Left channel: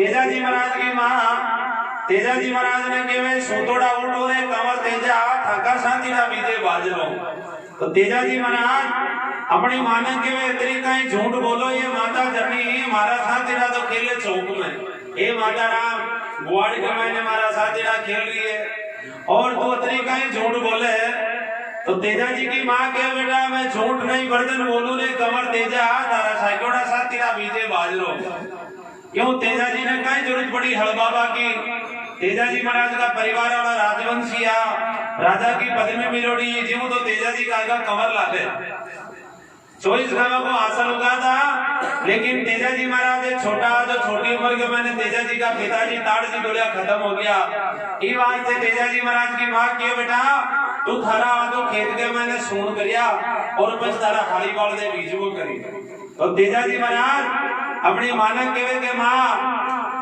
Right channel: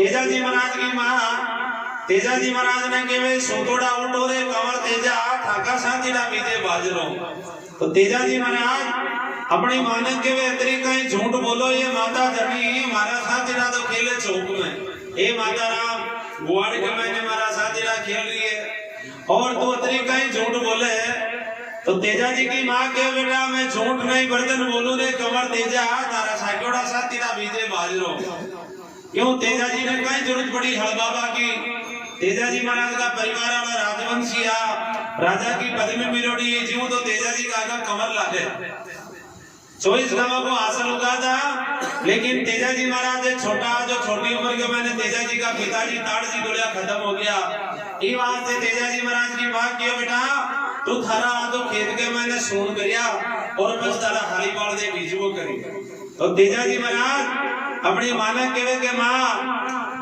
तेजाजी महाराज की मां तेजाजी महाराज ने केवे सोतोड़ा उल्टो रे कमर तेजा ठाका शांतिना बीजे बाजरो। तो तेजाजी महाराज अपनी मां ने केवे इतनी कहीं झूठ बोलो ये माता जनी मारा शांतिना तो खेले चौक में हे माता राम गुवाड़ी के मैंने मारा शांतिना खेल रही है और तू इतनी कहीं झूठ बोले। तो तेजाजी की मां के बेटा मैं झूठ नहीं बर्तन बोलू रे कमर तेजा तारा साइकोड़ा शांतिना बीजे बाजरो। क्यों तेजाजी ने कई जरूरत पड़ी हड़बाबा की। तेजाजी महाराज का परिवार वाला राजवंशिया राजा की पदवी मिलोड़ी ये जीव तो तेजाजी का आगा कमर लागे 24 गांव को हासिल होगा था। लेकिन तेजाजी महाराज छोटा जो छोटी उम्र के मैंने तेजाजी का पिताजी ताड़ जी डोलिया खत्म हो गया। ई वास्ते तेजा जी महाराज की बात कियो बेटा तू थारा तो खेत के मैंने सून करिया और बस तारा हाली बाल दे बीजबो करी। तो तेजा जी महाराज अपनी माना केवे के मां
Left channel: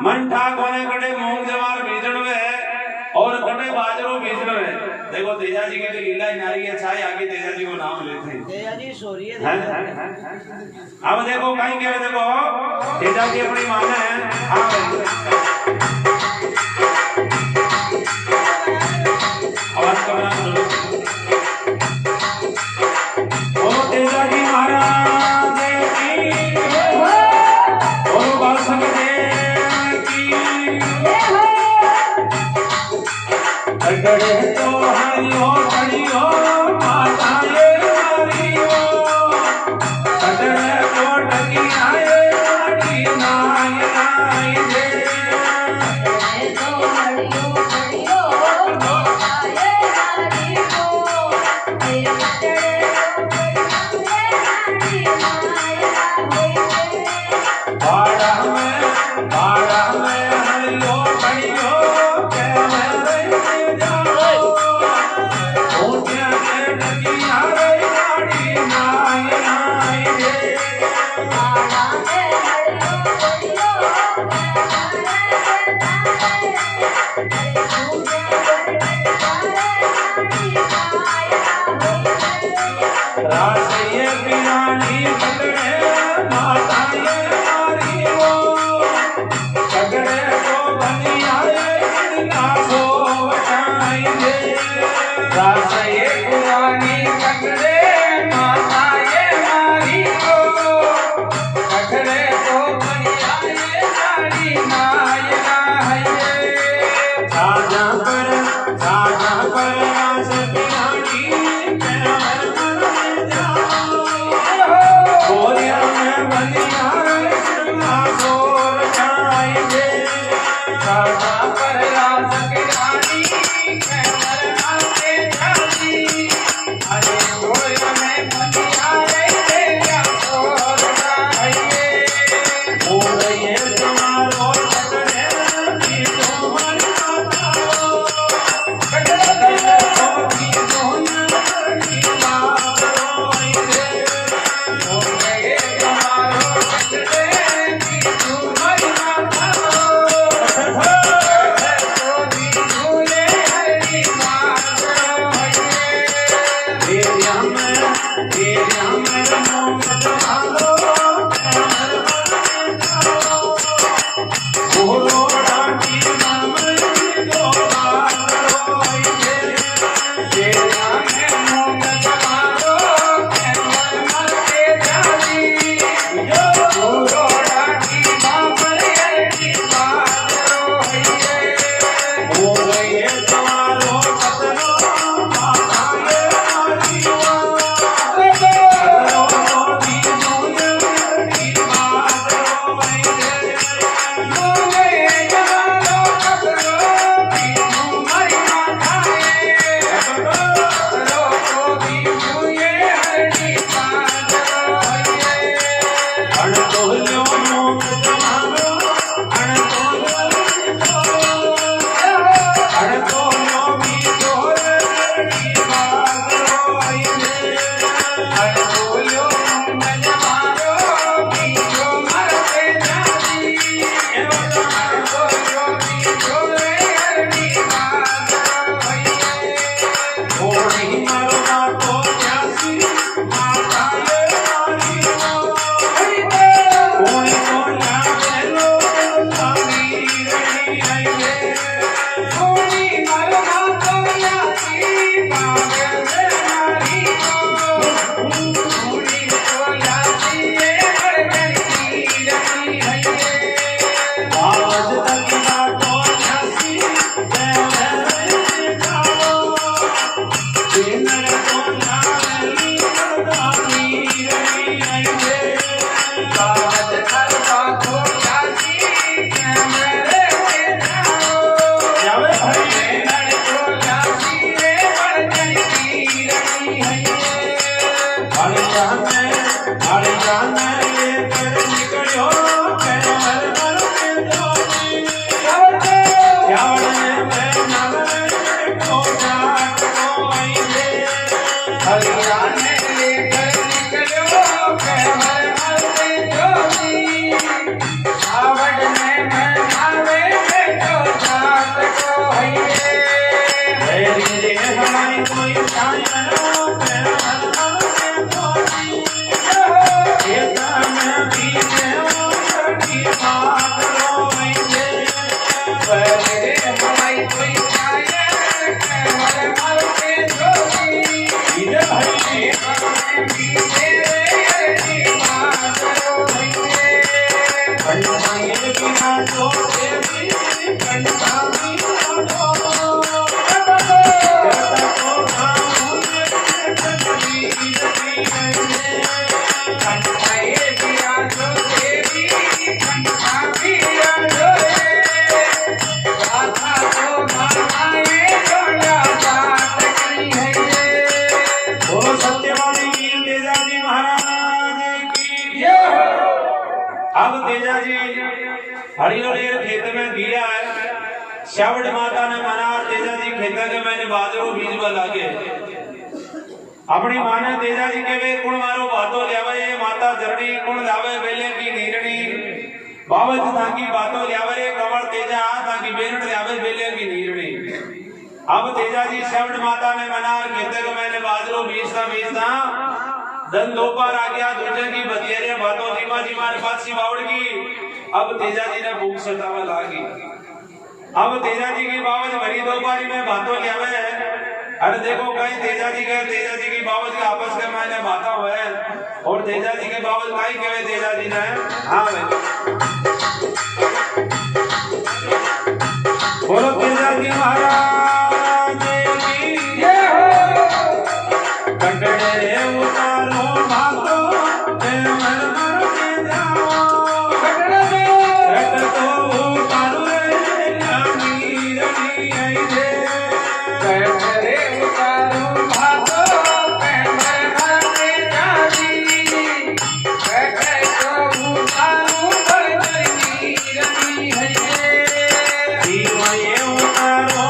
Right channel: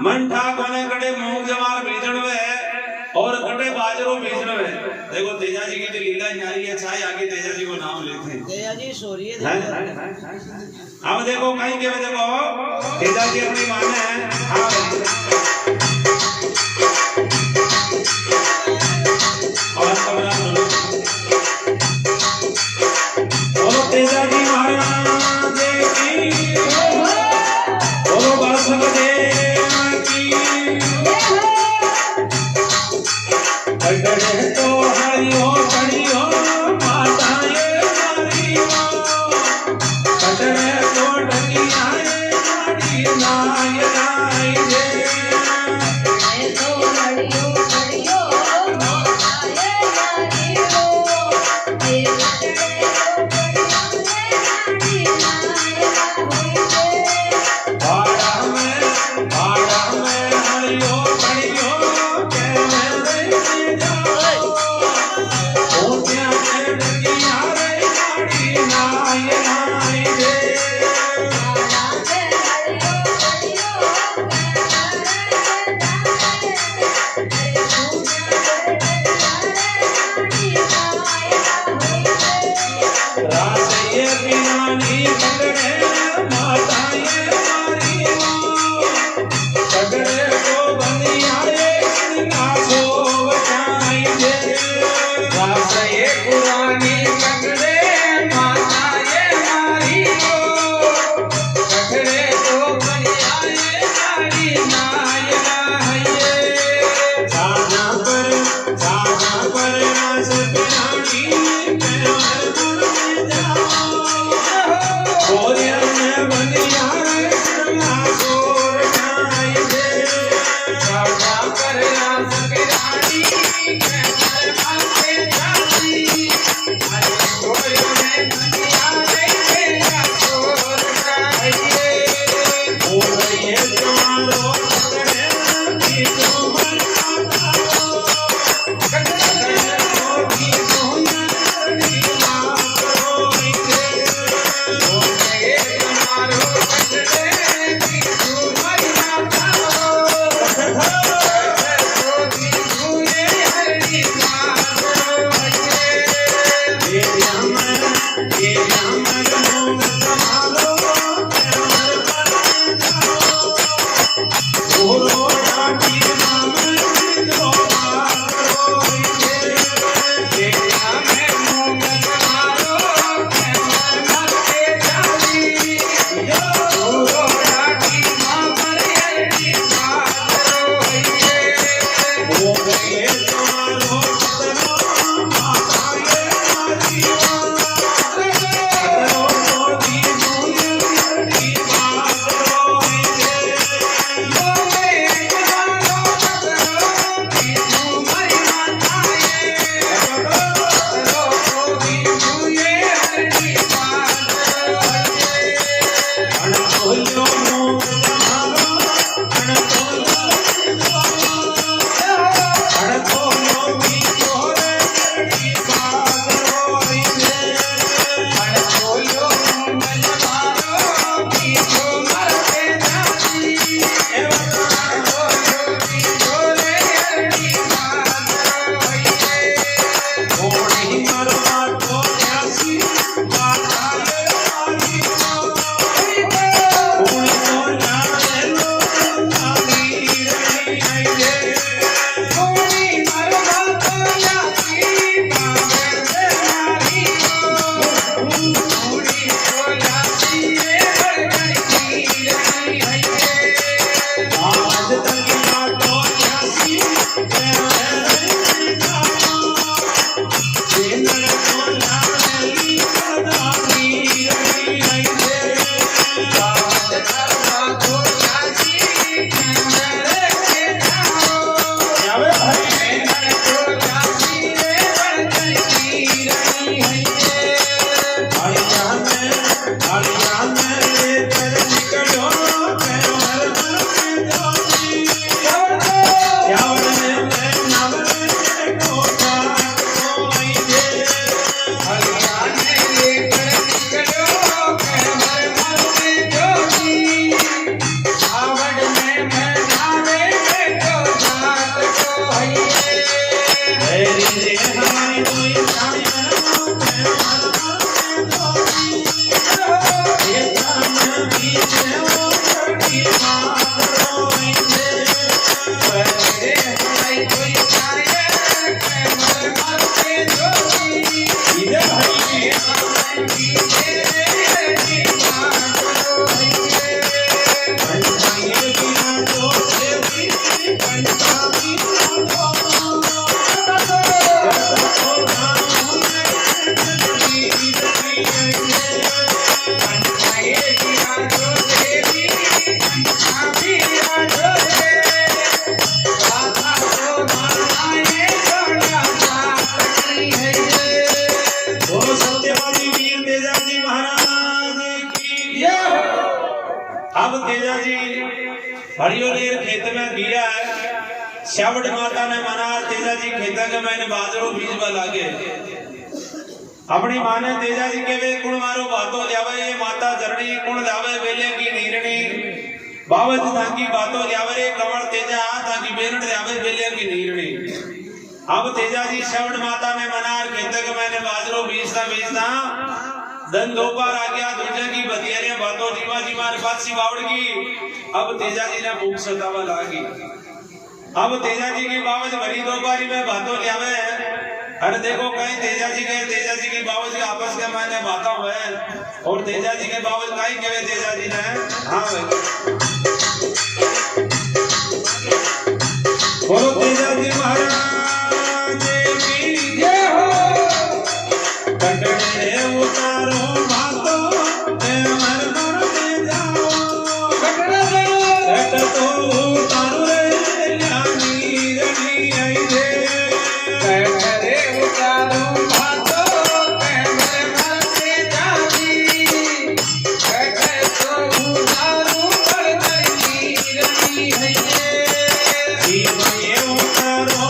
मन ठा कोने कटे मूंग जवार बीजण में और कटे बाजरो बीजण में। देखो तेजा जी की तो लीला न्यारी है छाई आगे तेजा जी को नाम लेते हैं तेजा जी सोरी है। अब देखो कहीं के देखो तेजा जी अपनी माने आवाज करना सुनो। बोलो तेजा जी महाराज की बोलो बालसंग देव की गगड़े तो हरियो हरियो माताए हरियो गगड़े तो डकियाए हरि नाय नाय रे तो हरियो हरियो माताए हरियो तेरे गगड़े तो हरि नाय नाय बाड़ा में हरियो हरियो के मैं जाओ ऊंचा के डकिया रे हरि नाय नाय रे बाड़ा में हरियो रासये बिनानी पकड़े माताए हरियो पकड़े को बनियाए ना को बचाएंगे। रासये पुरानी पकड़े माताए हरियो पकड़े को बनियाए हरि नाय नाय साजा पर रास बिनानी प्यार बन जाओ गोरिया में बनिया ना गोर जाएंगे। साजा पर रास बिनानी प्यार बन जाती अरे गोरिया में बनिया ना गोर जाएंगे। बोले तुम्हारो पकड़े की तुम जाओ कटरे होगी सोनी बात रोएंगे। बोले तुम्हारो पकड़े की तुम जाओ होगी सोनी हरि बात रोएंगे। तेरा मैं मोंग संभालो गोरोड़ा की नाम जो बात रोएंगे। तेरा मैं मोंग संभालो मर के जाली गोरोड़ा की नाम हरि बात रोएंगे। बोले तुम्हारो पतनो माताए हरियो पतनो मोदी मोंग हरि बात रोएंगे। बोले तुम्हारो पतनो की तुम्हारी माताए मेरी जे हमारी कोई साई बनो तेरा मन मन से धोती ये ताना बीजे ओ छड़ी मात रोइंदे मेरे हमारी कोई छाया के मन मन से धोती इधर भाई बीजे रे बात रोइंदे कंठाई की ना तो देवी कंठाई ना बोलो सत्यवादी वीर तेजाजी महाराज की जय। अब तेजाजी हरियोलेर खेत में गिरा है श्यावट माता ने मना तेजाजी खेत के मैंने बाजरो बीज में लागे अपनी माँ ने तेजाजी के वे कुण मारो बातों जावे ये माता जरणी कुण लावे बेले की नीरणी बाबत ताकी बातों जावे रे कमर तेजा ताकी बेनट जावे बेले की नीरणी अब तेजाजी श्यावट माता ने मना खेत के मैंने बाजरो बीजता धन दो पार आ गया दूसरे की बतियारे बातों जीवा जी मारे पास सी बावड़ की अब तेजाजी ने भूख सतावा लागी अब तेजाजी की बावज भरी दो पारी में बातों जावे अरे देखो कहीं तेजाजी गए तेजाजी की बावज के आपस के मैंने बाता हुए और तेजाजी के बावज कहीं कहे तेजाजी ने हाँ भाई बोलो तेजाजी महाराज की जय हो कंडे उतारो भातो ते मर मर के जाओ कंडे तो उतारो रे नी रनी आई दे रे उतारो भातो पे मर के जाती बैठे तो उतारो रनी है ये उतारो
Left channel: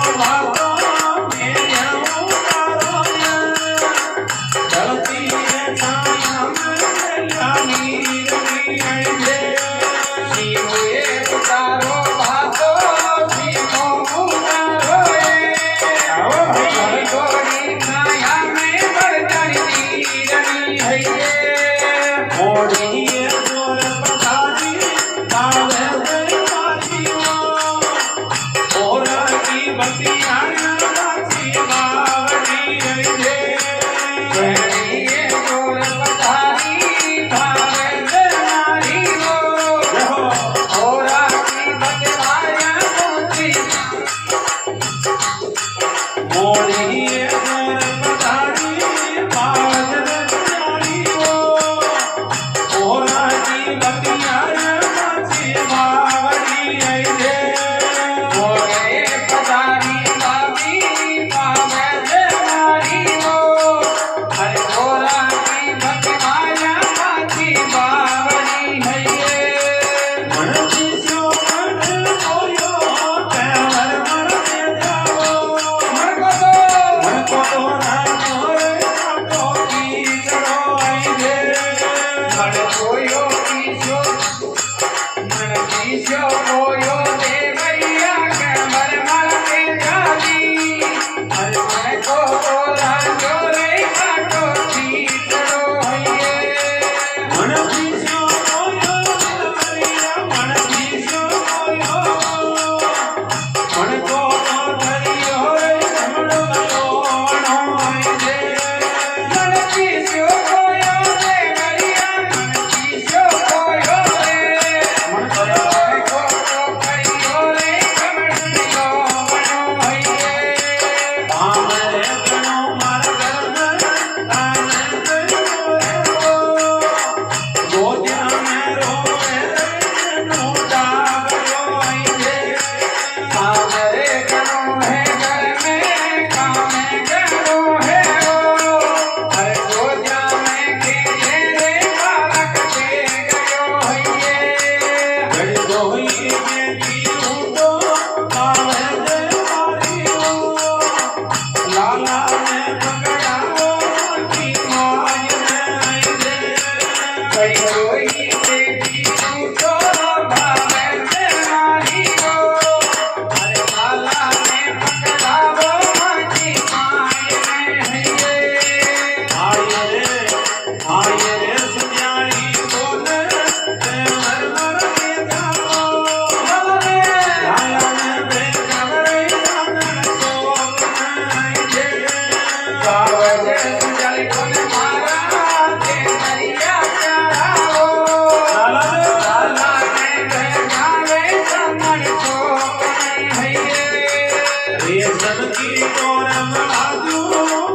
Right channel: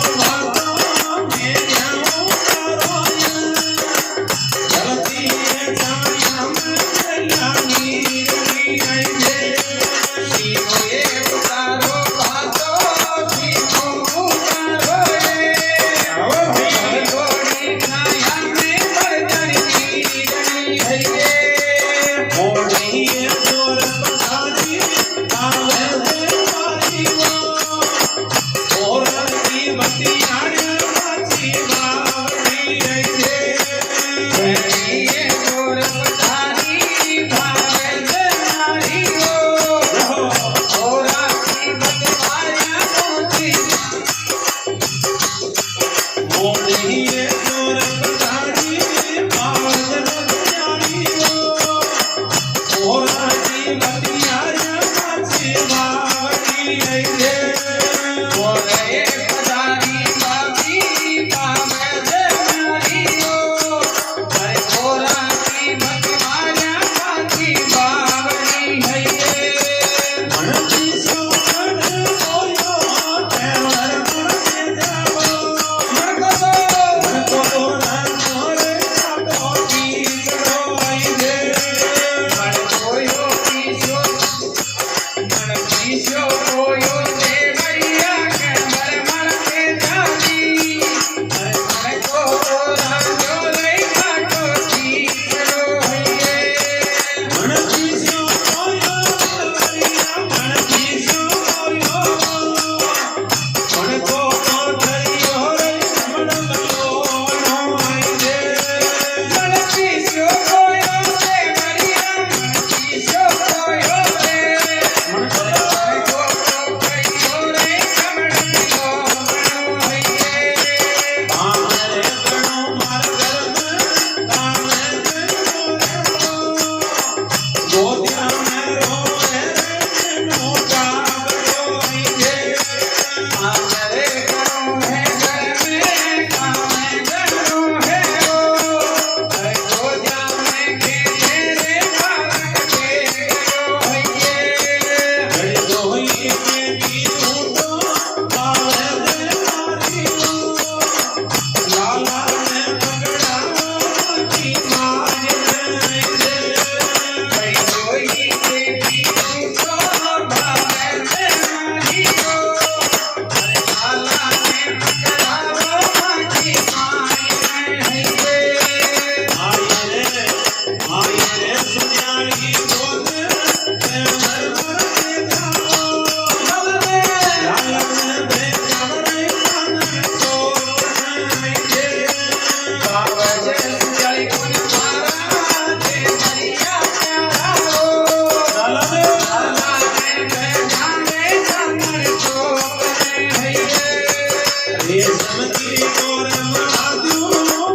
जनकी कोरम आजू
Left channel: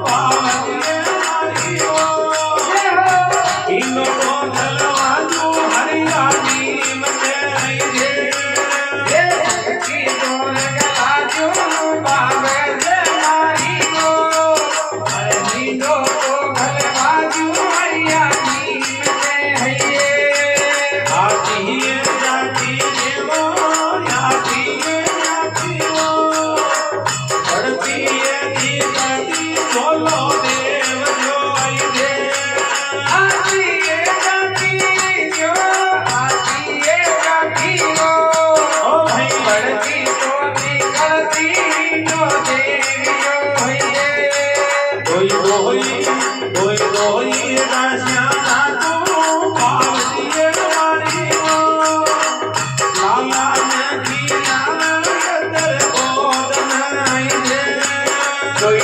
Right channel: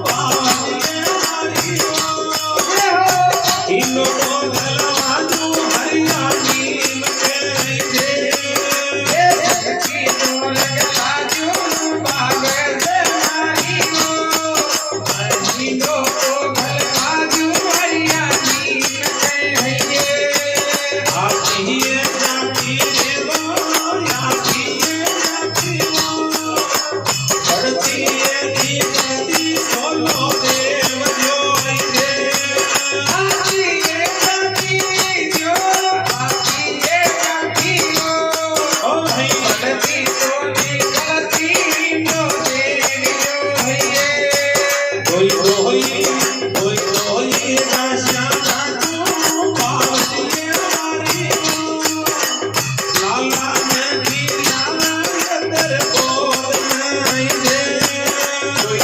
बावलिए मारियो इनो को दलवाजू हरियाणी मचे रे की तोर गलाजू बावे से मारियो नीनो को गलवाजू हरियाणी में हइये आती जाती रे वो याती वो बढ़ती दी करती बोलो देव जो आई दे आती जाती जो आती जाती हो ओ भाई बढ़ती तो निकलती नो देवियो हइये कोई राशियां तू बावलिए मारी लाला ने दिया तेरे गोद में आई दे कोई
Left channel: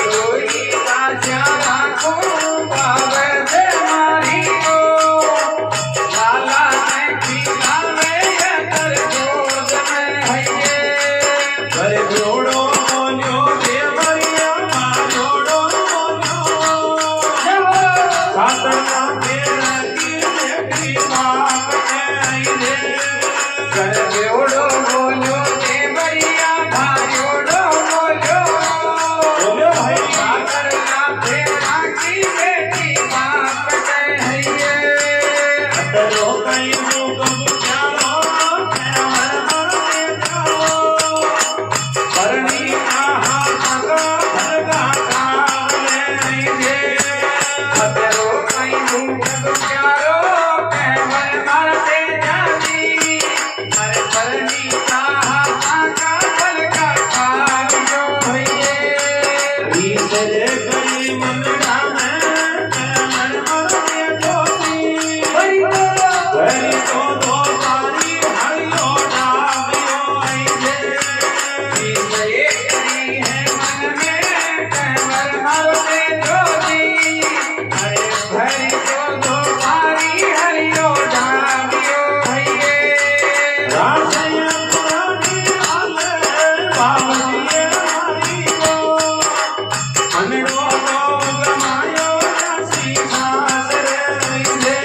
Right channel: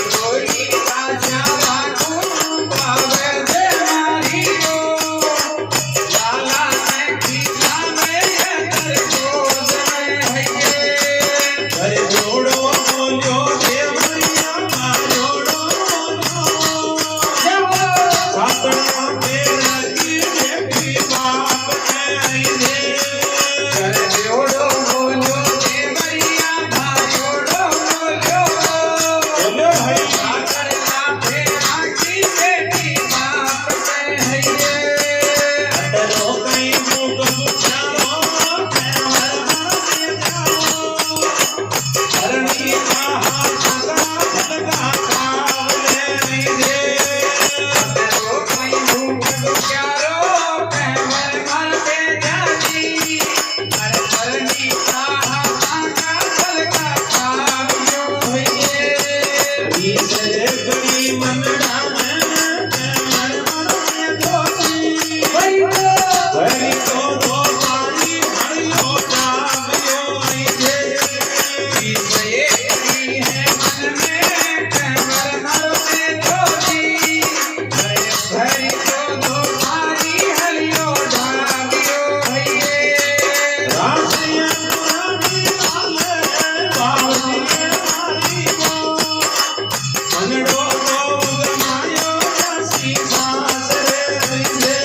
राजा राखो बावे दे मारियो लाला ने खिला में ये तर गोद में हइये घर जोड़ो बोलियो देवरिया जोड़ो बोलियो सातड़ा तेरा की बेटी बाप के आई दे कर जोड़ो बोलो देवरिया भायोड़ो बोलो बोलो भाई सागर का तेरा की बेटी बाप के हइये अटलो कई मुख बुझालो कैमर मारे जाओ हरणी का हाथ का धनका कावले दे अदरो कई भूख प्यारो कैमर मारते जानी अरे परनी साहा का फल का खावियो हइये बीच रे गई मनड़ा में कैमर मारे जोती हरि हरि को दो तारी हरियो डाबियो आई दे ये करी है मन में कैमर मारते जोती हरि को दो तारी हरियो डाबियो हइये रासिया पुरानी आले बावलिए मारियो मनड़ो को गमायो रासी सांस रे मिले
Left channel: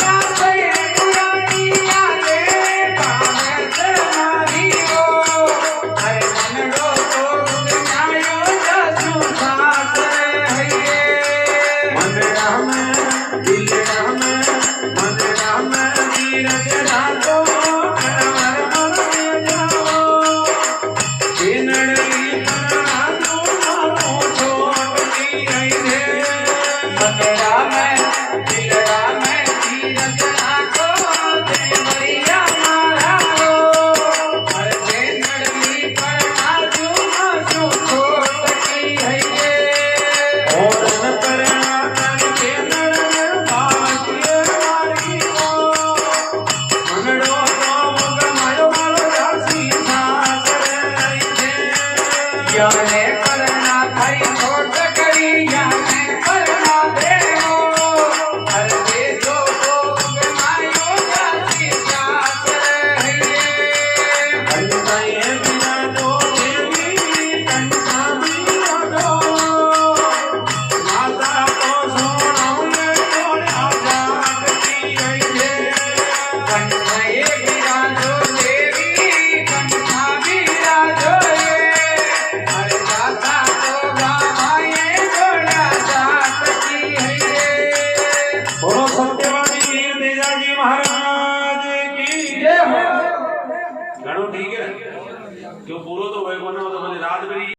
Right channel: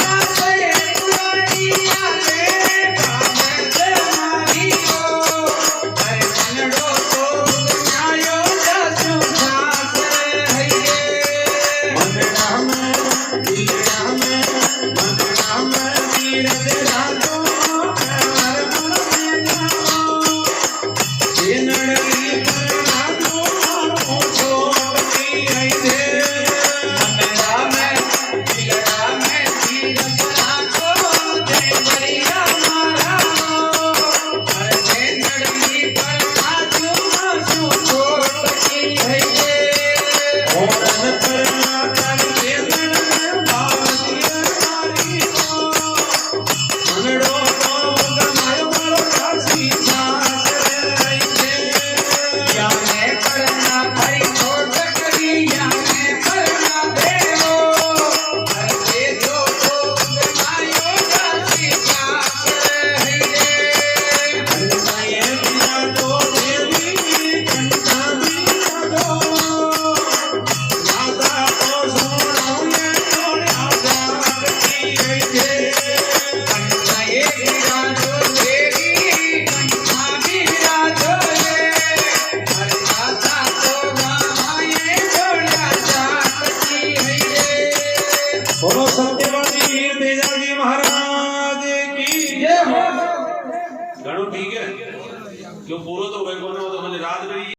सासरे पुरानी आले बावे से मारियो अरे कन्नड़ो तो बुझायो जसू सासरे हइये मनड़ा में दिलड़ा में नीरज रातो कैमर मारे जाओ नड़ली परना तो मारो छोटी आई दे मनड़ा में दिलड़ा में धीरज राखो देवरिया मारा रो अरे नड़ली पर नाचू मासू छोटकी हइये ओरन परना करके नड़ बावलिए मारियो मनड़ो को गमायो रासी सांस रे आई दे याने करना खरी छोट करी याने करना देवो हर से जो गनायो जासी सासरे हइये कंठाए बिना तो देवी कंठा बिना दो माता को सोनाऊ ने छोड़ा जागती आई दे कंठाए बिराजो देवी कंठा बिराजो रे हर माता को गावाए छोड़ा जाती हइये बोलो सत्यवादी वीर तेजाजी महाराज की जय हो घणो ठीक है क्यों पूरो तो भाई कोना तो मैंने रात करी